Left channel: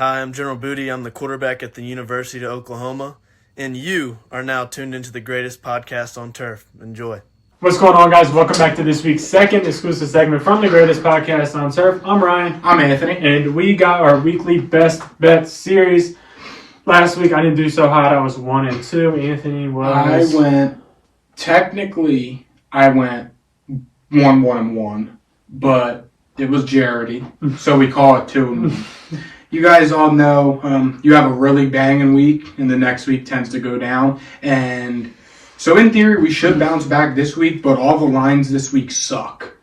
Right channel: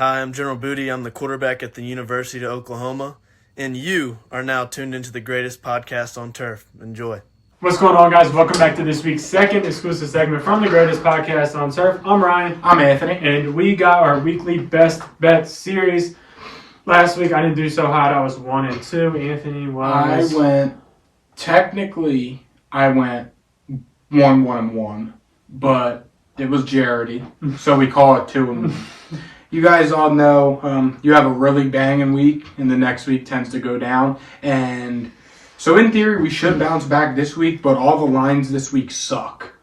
Hi, I'm General Booty. I'm the quarterback at the University of Oklahoma, and you are now tuned into the greatest podcast on turf. Enjoy. What's going on, guys? Welcome back to this week's second exclusive segment from the greatest podcast on turf. I'm Ryan. I'm Anthony. And we got our weekly best bet series. Last week, I didn't do so hot. I was 1-2. Anthony was... I went 1-1-1, but it was Jaredy, so we call it 2-1. You guys all know you have a really banging week, and the next week tends to go down. And so in theory, we should bounce back this week, but all the lines this week suck.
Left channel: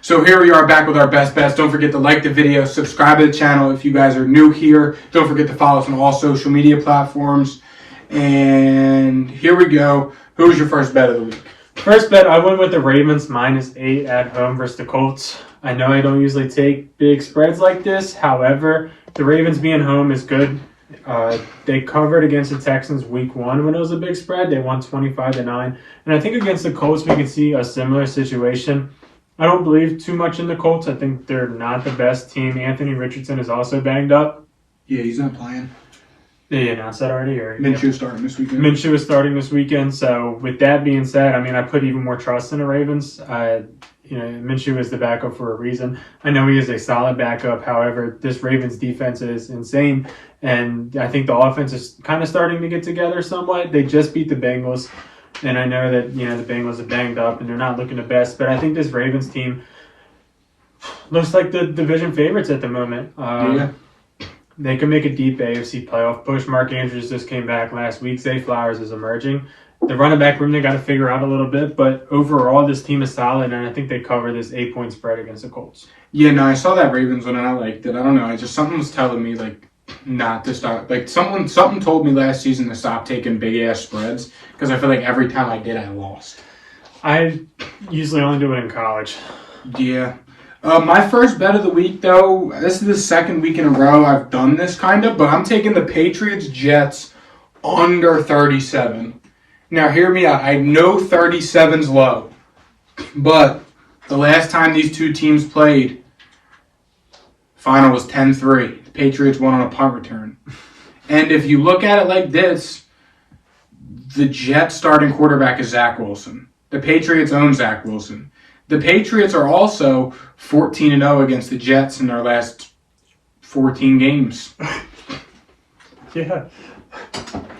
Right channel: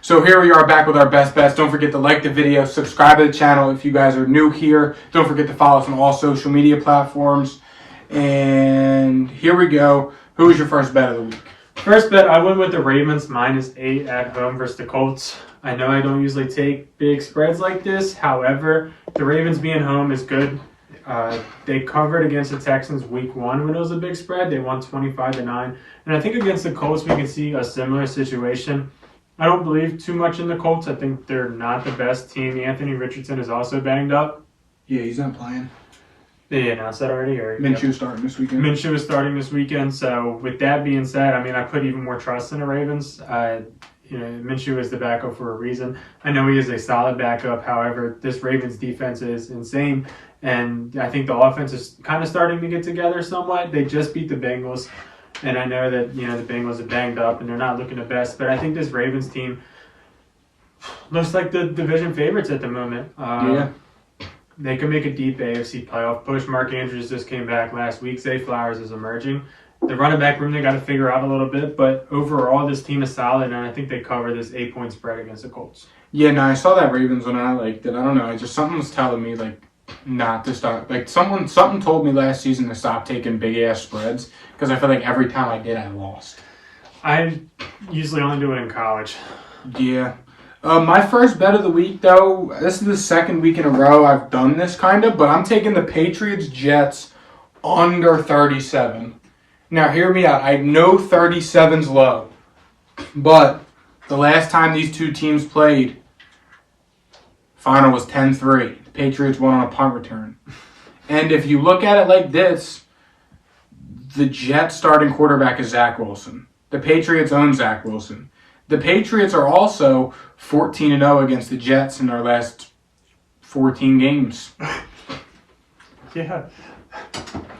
So here we are back with our best bets. Don't forget to like the video, subscribe to the channel if you guys are new here. Don't forget to follow us on all social media platforms. And here we go. Who's your first bet of the week? First bet, I went with the Ravens -8 at home versus the Colts. I know I don't usually take big spreads like this. However, the Ravens being home is good. They covered against the Texans week 1 when it was a big spread. They won 25-9. And I think against the Colts, we can see a similar situation. I don't believe too much in the Colts. I think they're not the best team. Anthony Richardson is also banged up. Yeah, he's not playing. Did you announce that already? Minshew starting this weekend. Minshew is starting this weekend. So with that being said, I mean, I put even more trust in the Ravens. Minshew is the backup for a reason. I know he is a solid backup. However, this Ravens defense is insane. And I think the offense is kind of starting to get together somewhat. They just beat the Bengals. And I know that, the Bengals are banged up and they're not looking the best. But I think this Ravens team looks like the division favorites at the moment. They can make a deep AFC playoff push. Mark Andrews just came back last week. Zay Flowers is emerging. The running back room they got to figure out a little bit. But overall, this team is solid. And I think they cover this 8-point spread against the Colts. Yeah, no, I saw that Ravens one and I liked it. I don't know. Something's telling me, not to start. Something told me last season to stop taking big-ass spreads. Because I feel like every time I did, I lost. I usually only do it in college. Yeah. My first bet of the week, though, this is the second week in a row I've done this kind of, but I'm taking the Patriots-Jets under 37. Now, hear me out. I know 37's low, but the last time these two teams played, final was 10-3. The Patriots won on a punt return. And if you look at it like this, the Jets starting quarterback is Zach Wilson. The Patriots own Zach Wilson. The Patriots are also 14-0 against the Jets in their last 14 games. Yeah.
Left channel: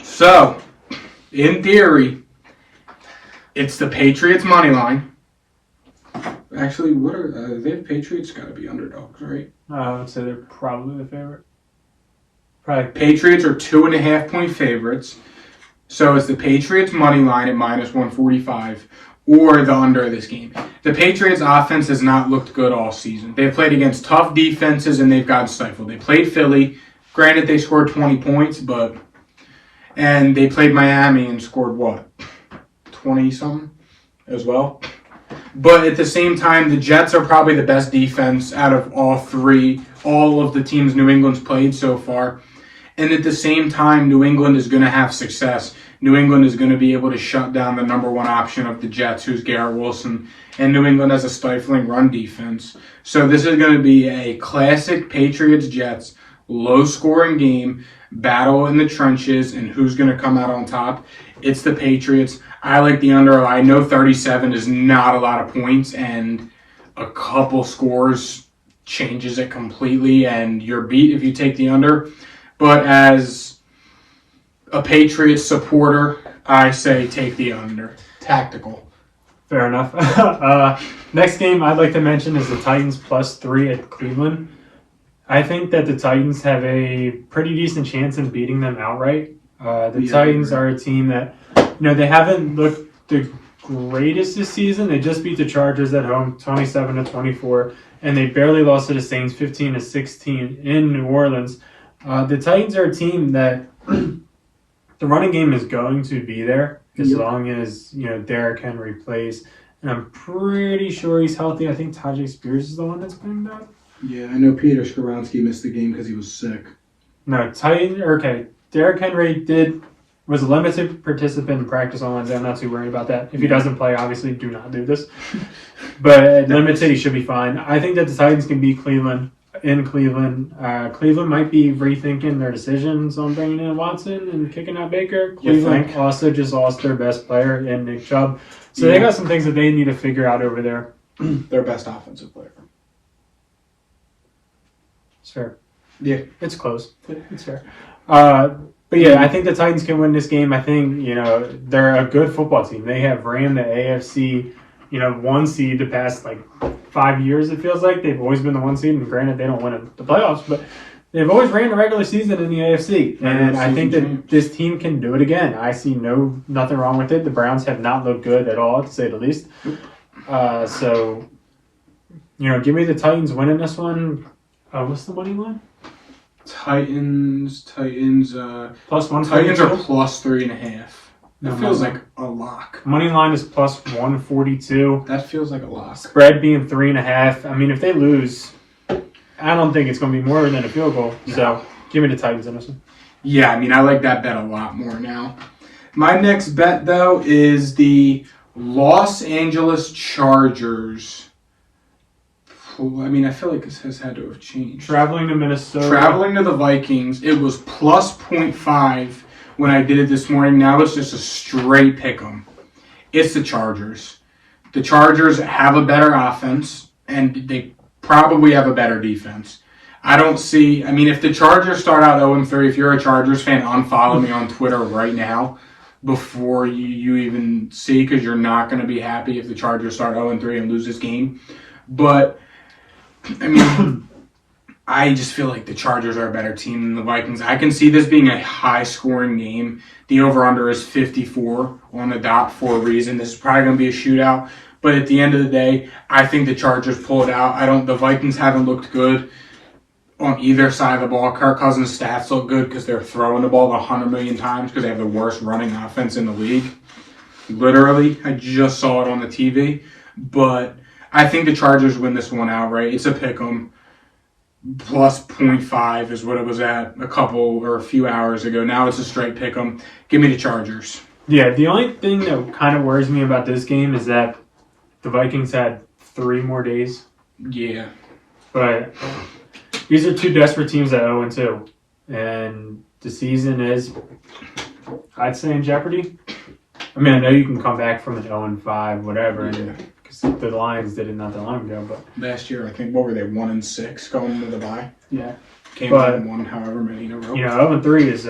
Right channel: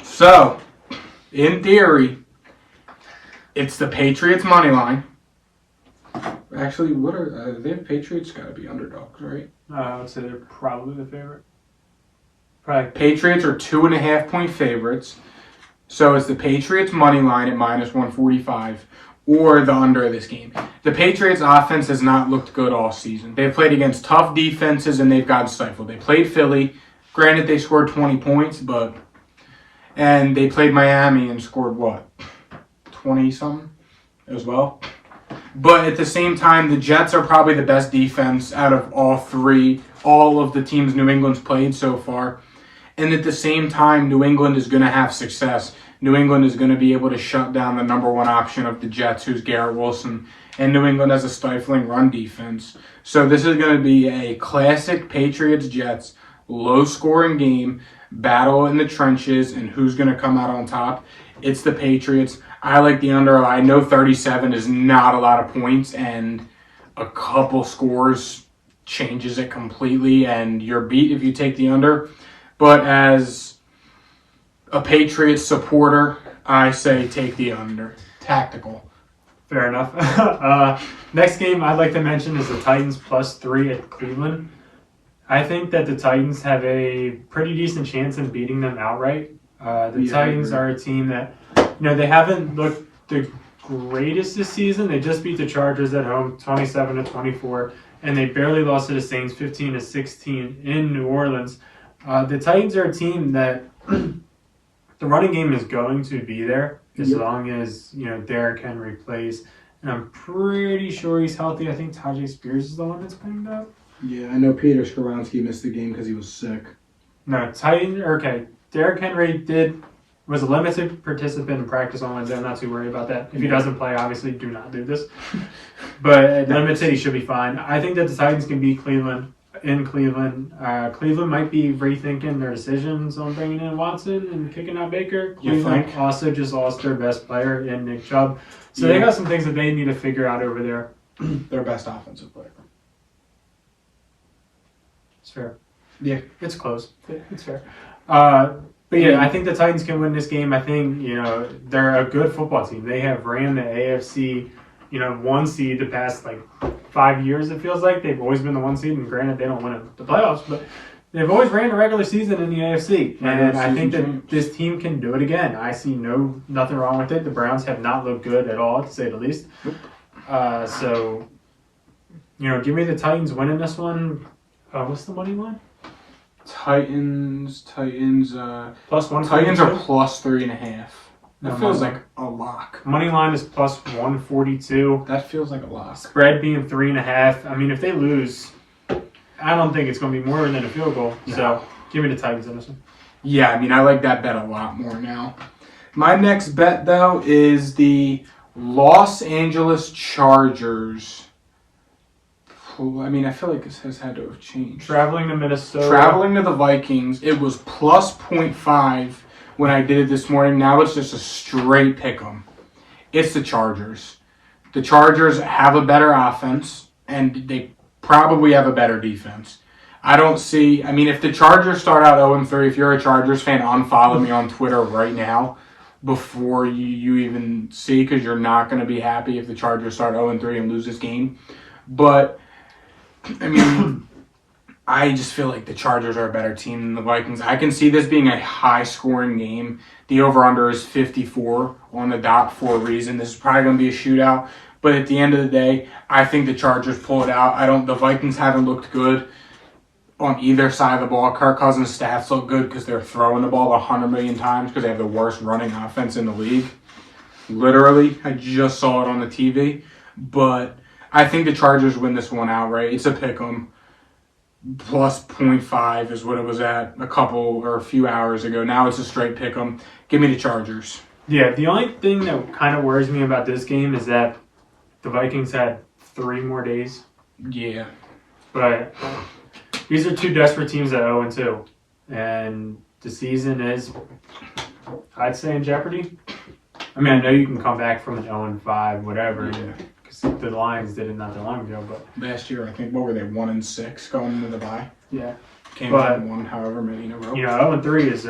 So, in theory, it's the Patriots money line. Actually, what are they? Patriots got to be underdogs, right? I would say they're probably the favorite. Probably. Patriots are 2.5-point favorites. So it's the Patriots money line at -145 or the under of this game. The Patriots offense has not looked good all season. They've played against tough defenses and they've gotten stifled. They played Philly. Granted, they scored 20 points, and they played Miami and scored 20-something as well. But at the same time, the Jets are probably the best defense out of all of the teams New England's played so far. And at the same time, New England is going to have success. New England is going to be able to shut down the number one option of the Jets, who's Garrett Wilson. And New England has a stifling run defense. So this is going to be a classic Patriots-Jets, low-scoring game, battle in the trenches, and who's going to come out on top. It's the Patriots. I like the under. I know 37 is not a lot of points, and a couple scores changes it completely, and you're beat if you take the under. But as a Patriots supporter, I say take the under. Tactical. Fair enough. Next game I'd like to mention is the Titans +3 at Cleveland. I think that the Titans have a pretty decent chance in beating them outright. Titans are a team that, they haven't looked the greatest this season. They just beat the Chargers at home 27-24, and they barely lost to the Saints 15-16 in New Orleans. The Titans are a team that the running game is going to be there as long as, Derrick Henry plays. And I'm pretty sure he's healthy. I think Tajay Spears is the one that's banged up. Yeah, I know Peter Skoronski missed the game because he was sick. No, Derrick Henry was a limited participant in practice on Wednesday. I'm not too worried about that. If he doesn't play, obviously do not do this. But limited, he should be fine. I think that the Titans can beat Cleveland. in Cleveland. Cleveland might be rethinking their decisions on bringing in Watson and kicking out Baker. Cleveland also just lost their best player in Nick Chubb. So they got some things that they need to figure out over there. Their best offensive player. It's fair. Yeah. It's close. It's fair. But yeah, I think the Titans can win this game. I think, they're a good football team. They have ran the AFC, 1 seed the past 5 years, it feels like. They've always been the 1 seed, and granted, they don't win the playoffs, but they've always ran the regular season in the AFC. And I think that this team can do it again. I see nothing wrong with it. The Browns have not looked good at all, to say the least. So, give me the Titans winning this one. What's the money line? Titans, plus 142? Titans are plus 3.5. That feels like a lock. Money line is plus 142. That feels like a lock. Spread being 3.5. I mean, if they lose, I don't think it's going to be more than a field goal. No. So give me the Titans in this one. Yeah, I like that bet a lot more now. My next bet, though, is the Los Angeles Chargers. I feel like this has had to have changed. Traveling to Minnesota. Traveling to the Vikings. It was plus 0.5 when I did it this morning. Now it's just a straight pick 'em. It's the Chargers. The Chargers have a better offense, and they probably have a better defense. I don't see... if the Chargers start out 0-3, if you're a Chargers fan, unfollow me on Twitter right now before you even see, because you're not going to be happy if the Chargers start 0-3 and lose this game. But... I just feel like the Chargers are a better team than the Vikings. I can see this being a high-scoring game. The over-under is 54 on the dot for a reason. This is probably going to be a shootout. But at the end of the day, I think the Chargers pull it out. The Vikings haven't looked good on either side of the ball. Kirk Cousins' stats look good because they're throwing the ball 100 million times because they have the worst running offense in the league. Literally, I just saw it on the TV. But... I think the Chargers win this one outright. It's a pick 'em. Plus 0.5 is what it was at a few hours ago. Now it's a straight pick 'em. Give me the Chargers. Yeah, the only thing that kind of worries me about this game is that the Vikings had 3 more days. Yeah. But these are 2 desperate teams at 0-2. And the season is, I'd say, in jeopardy. I know you can come back from an 0-5, whatever. Yeah. The Lions did it not that long ago, but last year I think what were they 1-6 going into the bye? Yeah, came in and won however many in a row. 0-3 is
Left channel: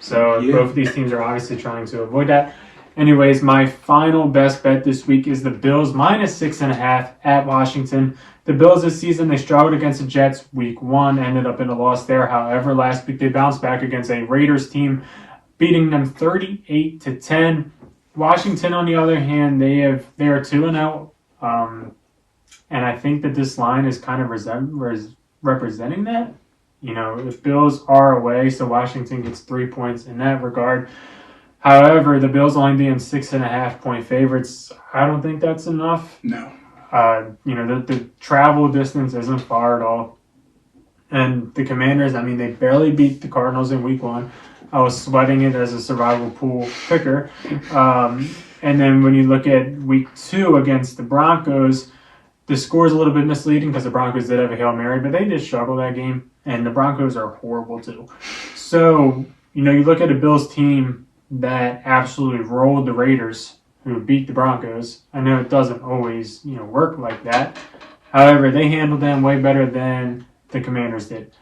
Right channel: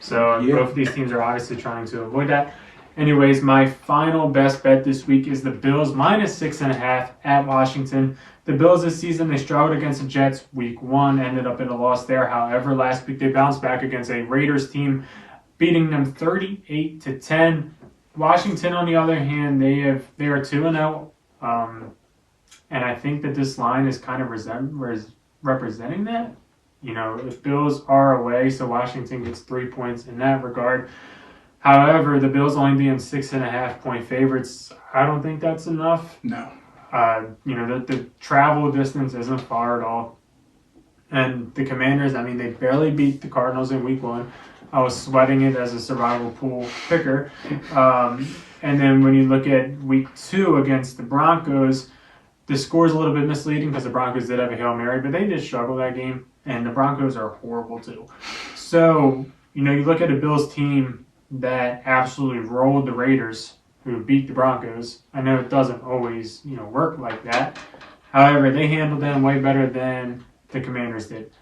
So both of these teams are obviously trying to avoid that. Anyways, my final best bet this week is the Bills minus 6.5 at Washington. The Bills this season, they struggled against the Jets week 1, ended up in a loss there. However, last week they bounced back against a Raiders team, beating them 38-10. Washington, on the other hand, they are 2-0, and I think that this line is kind of representing that. The Bills are away, so Washington gets 3 points in that regard. However, the Bills only being 6.5-point favorites, I don't think that's enough. No. The travel distance isn't far at all. And the Commanders, they barely beat the Cardinals in week 1. I was sweating it as a survival pool picker. And then when you look at week 2 against the Broncos, the score is a little bit misleading because the Broncos did have a Hail Mary, but they did struggle that game, and the Broncos are horrible too. So, you look at a Bills team that absolutely rolled the Raiders, who beat the Broncos. I know it doesn't always, work like that. However, they handled them way better than the Commanders did.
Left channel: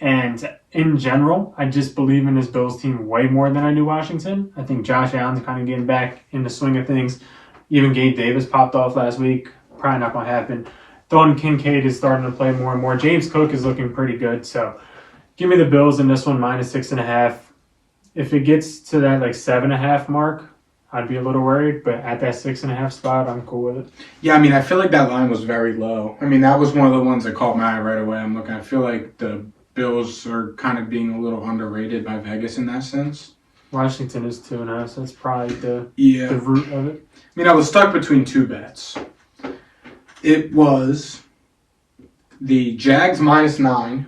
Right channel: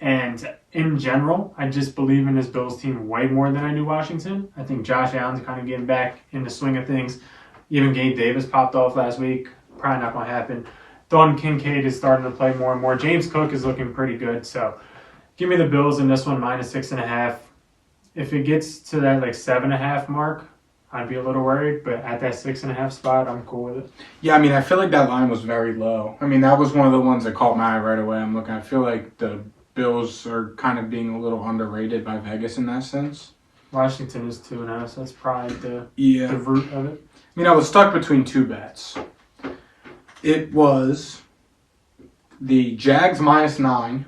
And in general, I just believe in this Bills team way more than I do Washington. I think Josh Allen's kind of getting back in the swing of things. Even Gabe Davis popped off last week. Probably not going to happen. Dalton Kincaid is starting to play more and more. James Cook is looking pretty good. So give me the Bills in this one, minus 6.5. If it gets to that 7.5 mark, I'd be a little worried. But at that 6.5 spot, I'm cool with it. Yeah, I feel like that line was very low. That was one of the ones that caught my eye right away. I feel like the Bills are kind of being a little underrated by Vegas in that sense. Washington is 2-0, so that's probably the root of it. I was stuck between 2 bets. It was the Jags minus 9,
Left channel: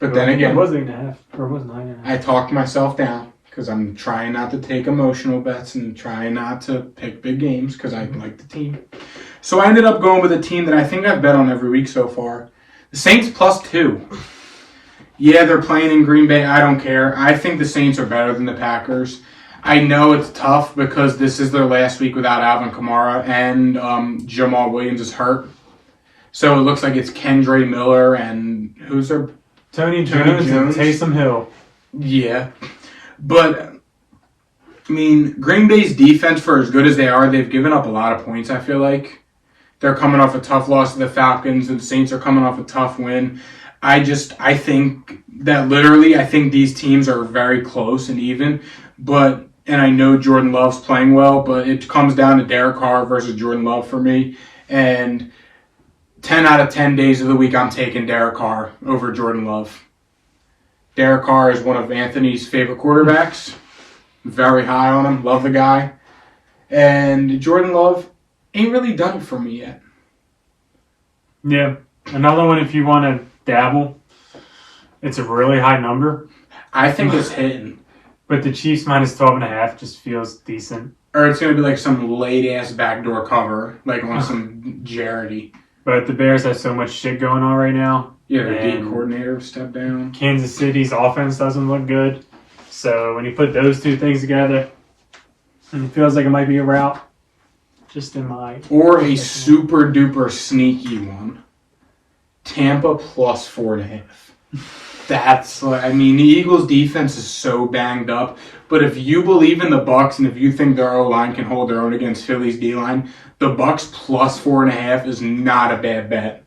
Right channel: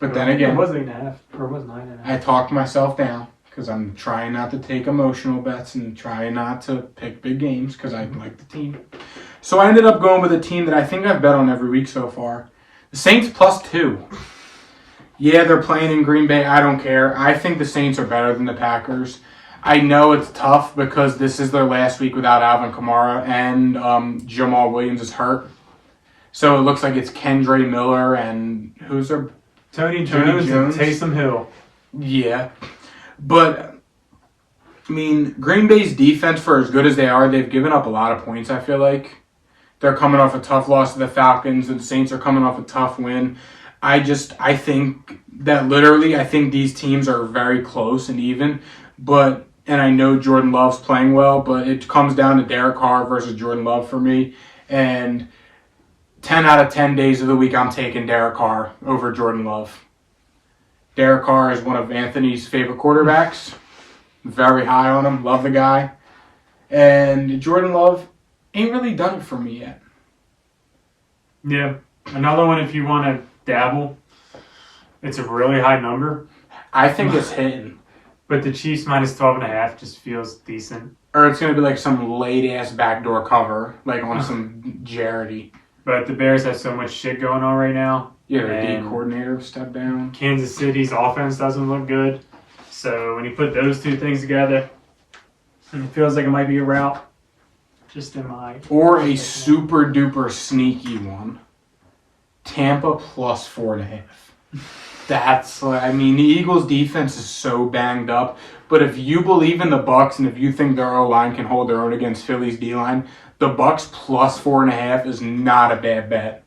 but then again, it was 8.5 or it was 9.5. I talked myself down because I'm trying not to take emotional bets and trying not to pick big games because I like the team. So I ended up going with a team that I think I've bet on every week so far. The Saints +2. Yeah, they're playing in Green Bay. I don't care. I think the Saints are better than the Packers. I know it's tough because this is their last week without Alvin Kamara and Jamal Williams is hurt. So it looks like it's Kendre Miller and who's their Tony Jones and Taysom Hill. Yeah. But, I mean, Green Bay's defense, for as good as they are, they've given up a lot of points, I feel like. They're coming off a tough loss to the Falcons, and the Saints are coming off a tough win. I think that literally, I think these teams are very close and even. And I know Jordan Love's playing well, but it comes down to Derek Carr versus Jordan Love for me. And 10 out of 10 days of the week, I'm taking Derek Carr over Jordan Love. Derek Carr is one of Anthony's favorite quarterbacks. Very high on him. Love the guy. And Jordan Love ain't really done it for me yet. Yeah. Another one, if you want to dabble, it's a really high number. I think it's hitting. But the Chiefs -12.5 just feels decent. Or it's going to be like some late-ass backdoor cover, like on some Jarity. But the Bears have so much shit going on right now. Yeah, their D coordinator stepped down. Kansas City's offense doesn't look good. So when you put those two things together, it feels like it might be a route. Just in my... Or a super-duper sneaky one. Tampa +4.5. The Eagles' defense is so banged up. But if you believe in the Bucs and if you think their O-line can hold their own against Philly's D-line, the Bucs +4.5 is not a bad bet.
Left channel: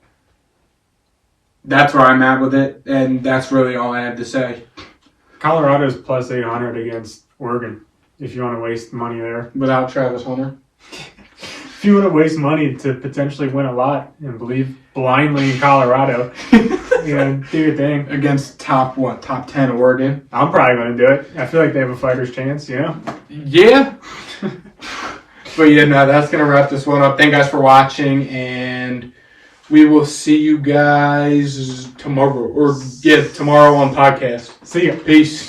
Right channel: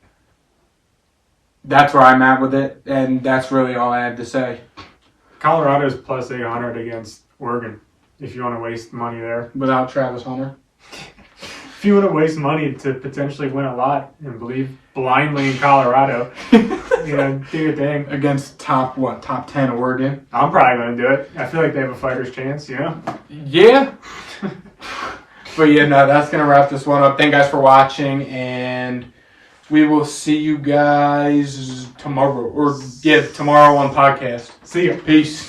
That's where I'm at with it, and that's really all I had to say. Colorado's +800 against Oregon, if you want to waste money there. Without Travis Hunter? If you want to waste money to potentially win a lot and believe blindly in Colorado, do your thing. Against top 10 Oregon? I'm probably going to do it. I feel like they have a fighter's chance, Yeah. But that's going to wrap this one up. Thank you guys for watching, and we will see you guys tomorrow. Tomorrow on podcast. See ya. Peace.